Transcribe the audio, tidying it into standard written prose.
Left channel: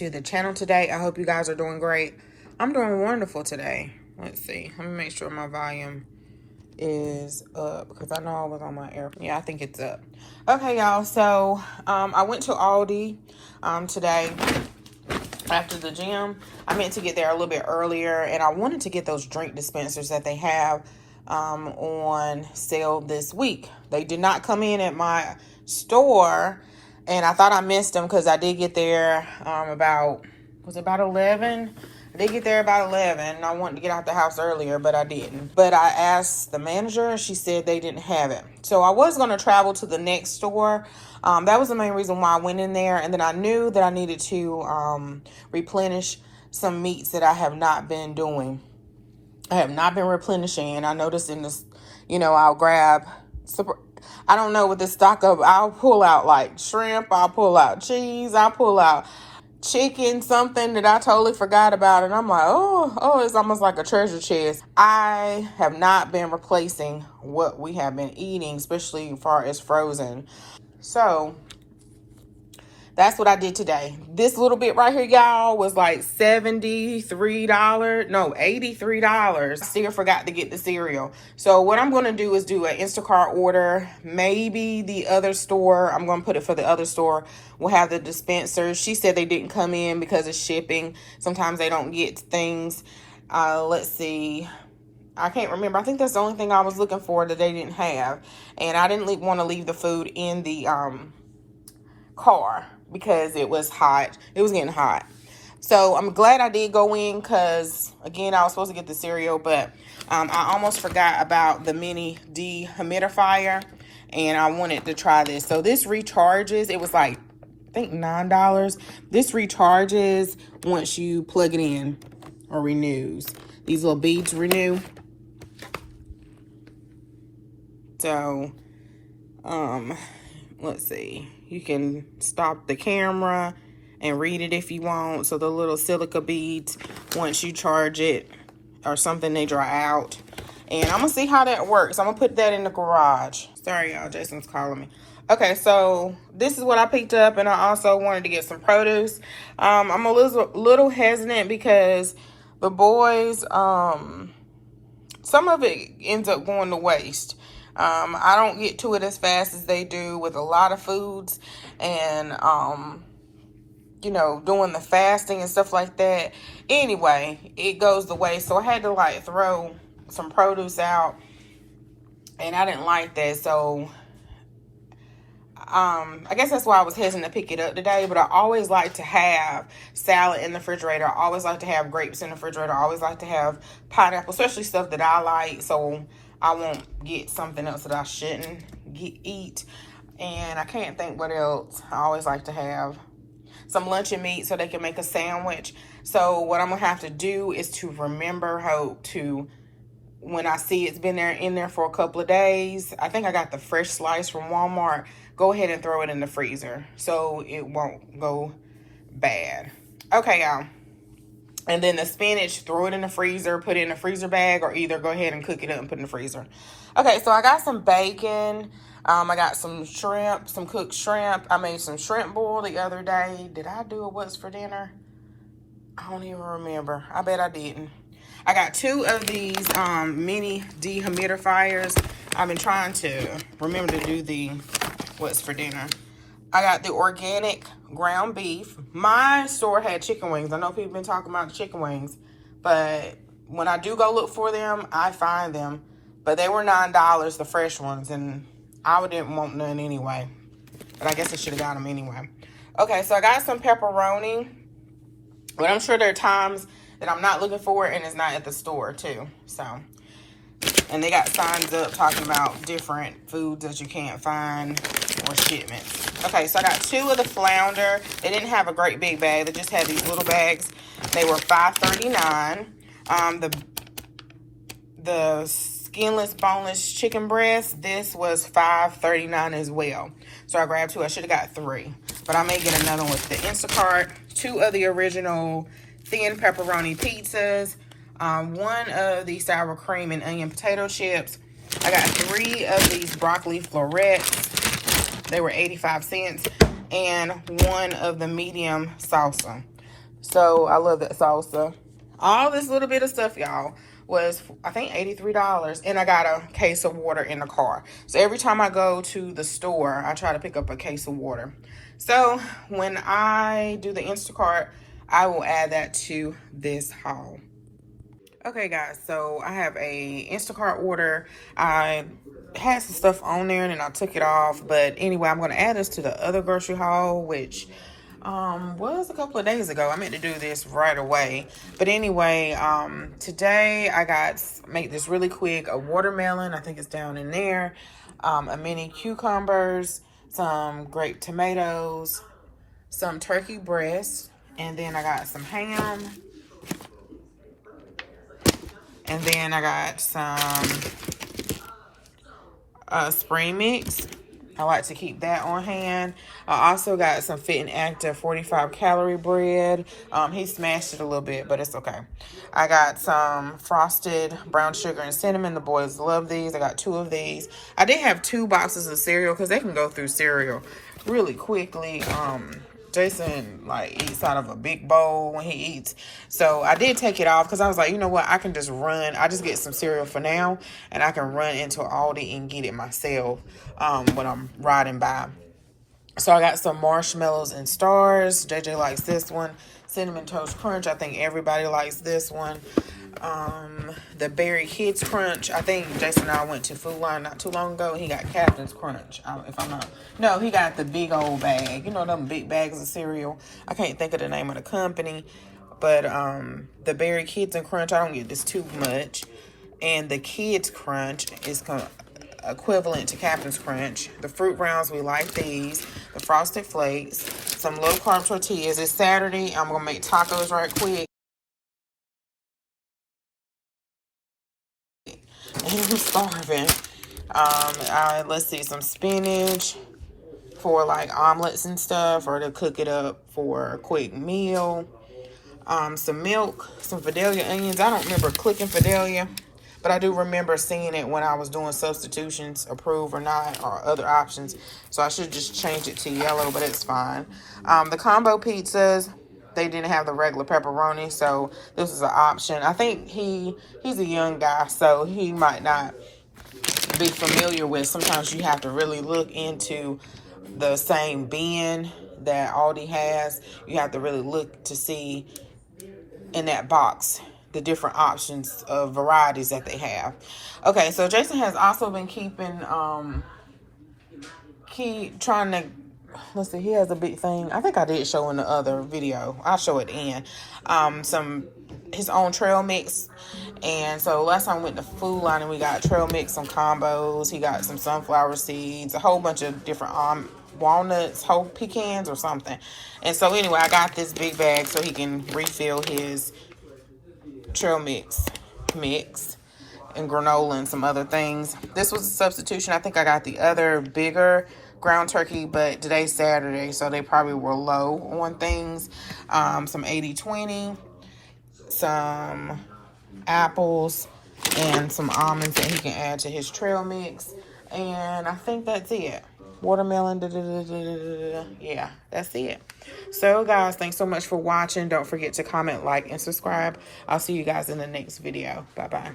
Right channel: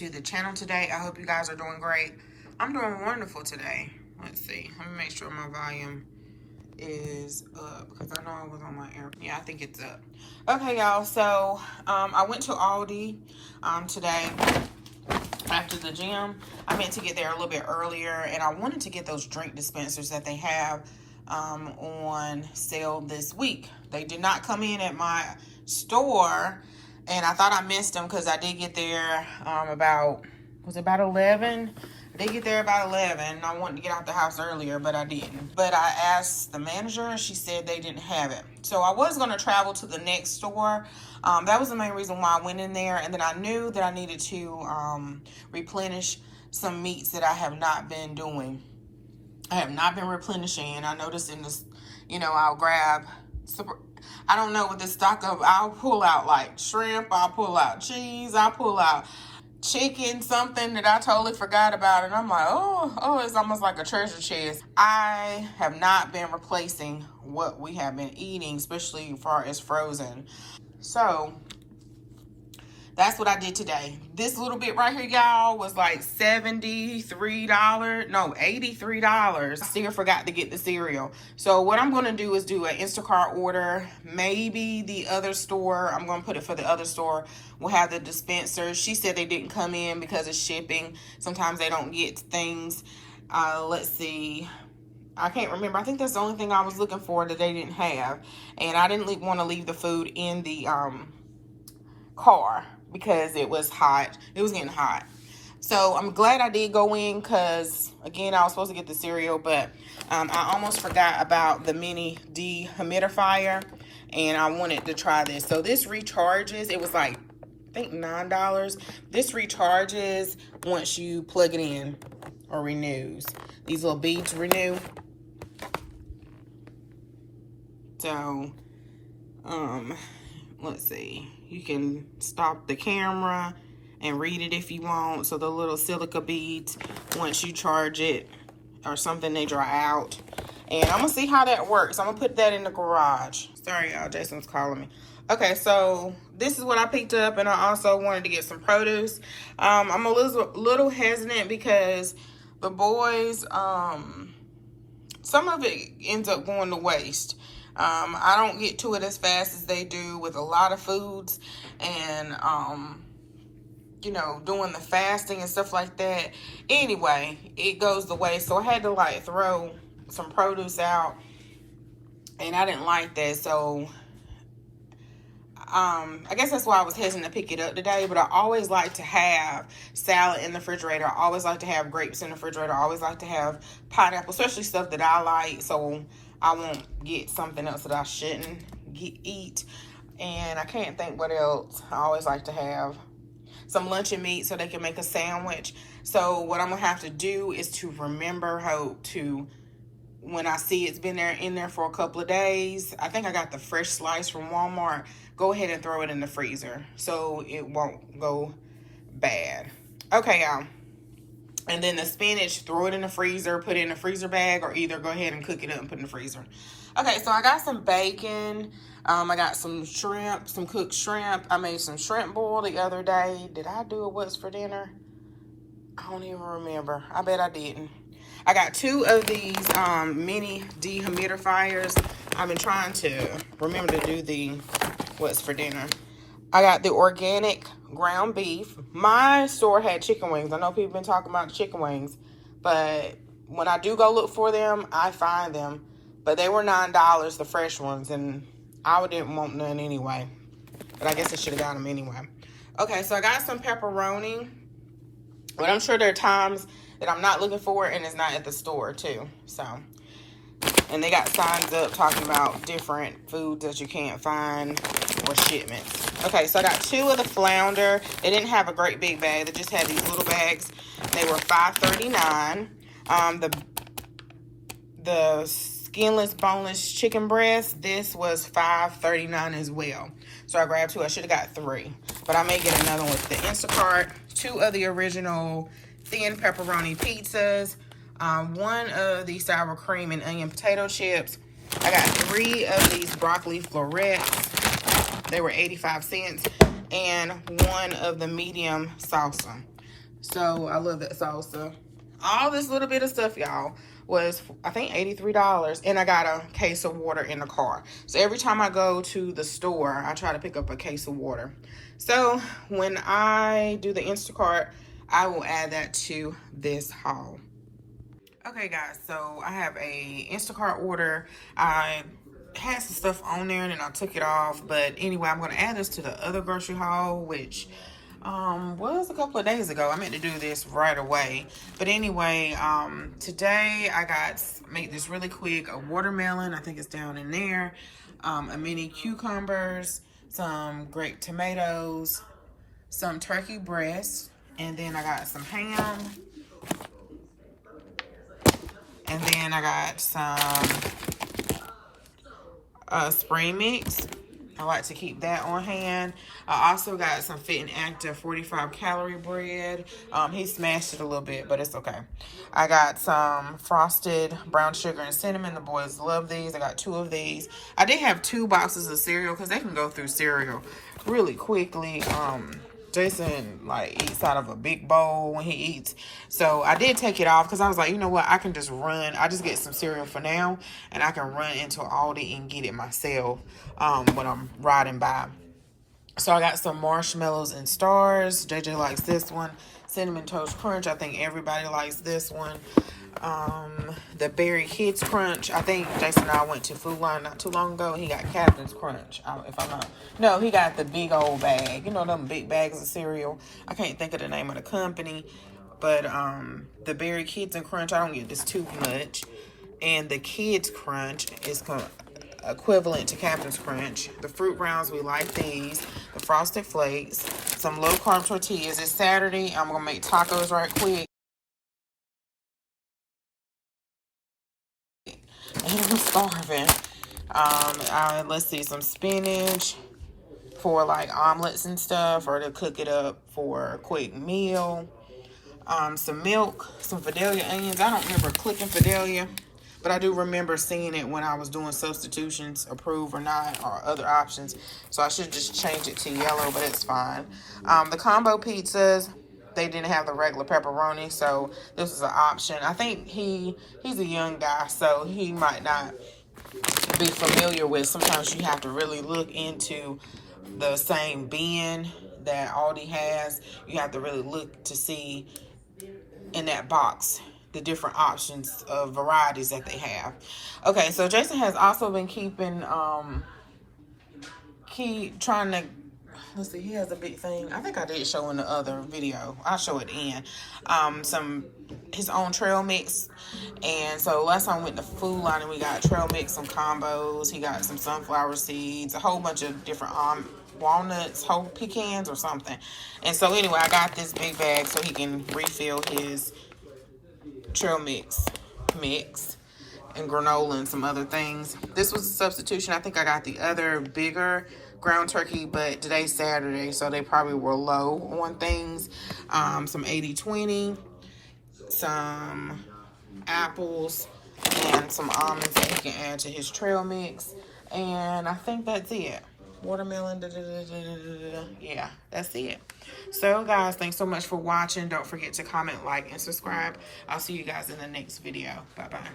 to the channel today. I hope you guys are doing great. I'm doing wonderful today. Let's see. Let me make sure my volume is up because I know I was on my air. Yeah, I think it's up. Okay, y'all. So I went to Aldi today after the gym. I meant to get there a little bit earlier, and I wanted to get those drink dispensers that they have on sale this week. They did not come in at my store, and I thought I missed them because I did get there about 11? I did get there about 11, and I wanted to get out the house earlier, but I didn't. But I asked the manager, and she said they didn't have it. So I was going to travel to the next store. That was the main reason why I went in there, and then I knew that I needed to replenish some meats that I have not been doing. I have not been replenishing, and I noticed in this, I'll grab, I don't know what the stock of, I'll pull out like shrimp, I'll pull out cheese, I'll pull out chicken, something that I totally forgot about, and I'm like, oh, it's almost like a treasure chest. I have not been replacing what we have been eating, especially as far as frozen. So that's what I did today. This little bit right here, y'all, was like $73. No, $83. I still forgot to get the cereal. So what I'm going to do is do an Instacart order. Maybe the other store, I'm going to put it for the other store, will have the dispensers. She said they didn't come in because of shipping. Sometimes they don't get things. Let's see. I can't remember. I think that's the only thing I was looking for that they didn't have. And I didn't want to leave the food in the car because it was hot. It was getting hot. So I'm glad I did go in because, again, I was supposed to get the cereal, but I almost forgot about the mini dehumidifier, and I wanted to try this. So this recharges. It was like, I think $9. This recharges once you plug it in, or renews. These little beads renew. So, let's see. You can stop the camera and read it if you want. So the little silica beads, once you charge it or something, they dry out. And I'm going to see how that works. I'm going to put that in the garage. Sorry, y'all. Jason's calling me. Okay, so this is what I picked up. And I also wanted to get some produce. I'm a little hesitant because the boys, some of it ends up going to waste. I don't get to it as fast as they do with a lot of foods, and, doing the fasting and stuff like that. Anyway, it goes to waste. So I had to like throw some produce out, and I didn't like that. So, I guess that's why I was hesitant to pick it up today, but I always like to have salad in the refrigerator. I always like to have grapes in the refrigerator. I always like to have pineapple, especially stuff that I like. So I won't get something else that I shouldn't eat. And I can't think what else. I always like to have some luncheon meat so they can make a sandwich. So what I'm going to have to do is to remember Hope to, when I see it's been in there for a couple of days, I think I got the fresh slice from Walmart, go ahead and throw it in the freezer so it won't go bad. Okay, y'all. And then the spinach, throw it in the freezer, put it in a freezer bag, or either go ahead and cook it up and put it in the freezer. Okay, so I got some bacon. I got some shrimp, some cooked shrimp. I made some shrimp boil the other day. Did I do it what's for dinner? I don't even remember. I bet I didn't. I got 2 of these mini dehumidifiers. I've been trying to remember to do the what's for dinner. I got the organic ground beef. My store had chicken wings. I know people been talking about the chicken wings, but when I do go look for them, I find them. But they were $9, the fresh ones, and I didn't want none anyway. But I guess I should have got them anyway. Okay, so I got some pepperoni, but I'm sure there are times that I'm not looking for it and it's not at the store too. So, and they got signs up talking about different foods that you can't find or shipments. Okay, so I got 2 of the flounder. They didn't have a great big bag. They just had these little bags. They were $5.39. The skinless, boneless chicken breast, this was $5.39 as well. So I grabbed 2. I should have got 3. But I may get another one with the Instacart. 2 of the original thin pepperoni pizzas. 1 of the sour cream and onion potato chips. I got 3 of these broccoli florets. They were 85 cents. And 1 of the medium salsa. So I love that salsa. All this little bit of stuff, y'all, was I think $83, and I got a case of water in the car. So every time I go to the store, I try to pick up a case of water. So when I do the Instacart, I will add that to this haul. Okay, guys, so I have a Instacart order. I had some stuff on there and then I took it off. But anyway, I'm going to add this to the other grocery haul, which was a couple of days ago. I meant to do this right away. But anyway, today I make this really quick. A watermelon, I think it's down in there. A mini cucumbers, some grape tomatoes, some turkey breast, and then I got some ham. And then I got some spring mix. I like to keep that on hand. I also got some Fit and Active 45 calorie bread. He smashed it a little bit, but it's okay. I got some frosted brown sugar and cinnamon. The boys love these. I got 2 of these. I did have 2 boxes of cereal because they can go through cereal really quickly. Jason like eats out of a big bowl when he eats, so I did take it off because I was like, you know what, I can just run. I just get some cereal for now, and I can run into Aldi and get it myself when I'm riding by. So I got some marshmallows and stars. JJ likes this one. Cinnamon Toast Crunch, I think everybody likes this one. The Berry Kids Crunch, I think Jason and I went to Food Line not too long ago, and he got Captain's Crunch, if I'm not. No, he got the big old bag. You know them big bags of cereal. I can't think of the name of the company. But the Berry Kids and Crunch, I don't get this too much. And the Kids Crunch is equivalent to Captain's Crunch. The Fruit Rounds, we like these. The Frosted Flakes. Some low-carb tortillas. It's Saturday. I'm going to make tacos right quick. I'm starving. Let's see, some spinach for like omelets and stuff, or to cook it up for a quick meal. Some milk, some Fidelia onions. I don't remember clicking Fidelia, but I do remember seeing it when I was doing substitutions, approve or not, or other options. So I should just change it to yellow, but it's fine. The combo pizzas, they didn't have the regular pepperoni, so this is an option. I think he's a young guy, so he might not be familiar with. Sometimes you have to really look into the same bin that Aldi has. You have to really look to see in that box the different options of varieties that they have. Okay, so Jason has also been trying to, let's see, he has a big thing. I think I did show in the other video. I'll show it in. His own trail mix. And so last time we went to Food Line and we got trail mix, some combos. He got some sunflower seeds, a whole bunch of different walnuts, whole pecans or something. And so anyway, I got this big bag so he can refill his trail mix and granola and some other things. This was a substitution. I think I got the other bigger ground turkey, but today's Saturday, so they probably were low on things. Some 80-20, some apples, and some almonds that he can add to his trail mix. And I think that's it. Watermelon, yeah, that's it. So guys, thanks so much for watching. Don't forget to comment, like, and subscribe. I'll see you guys in the next video. Bye-bye.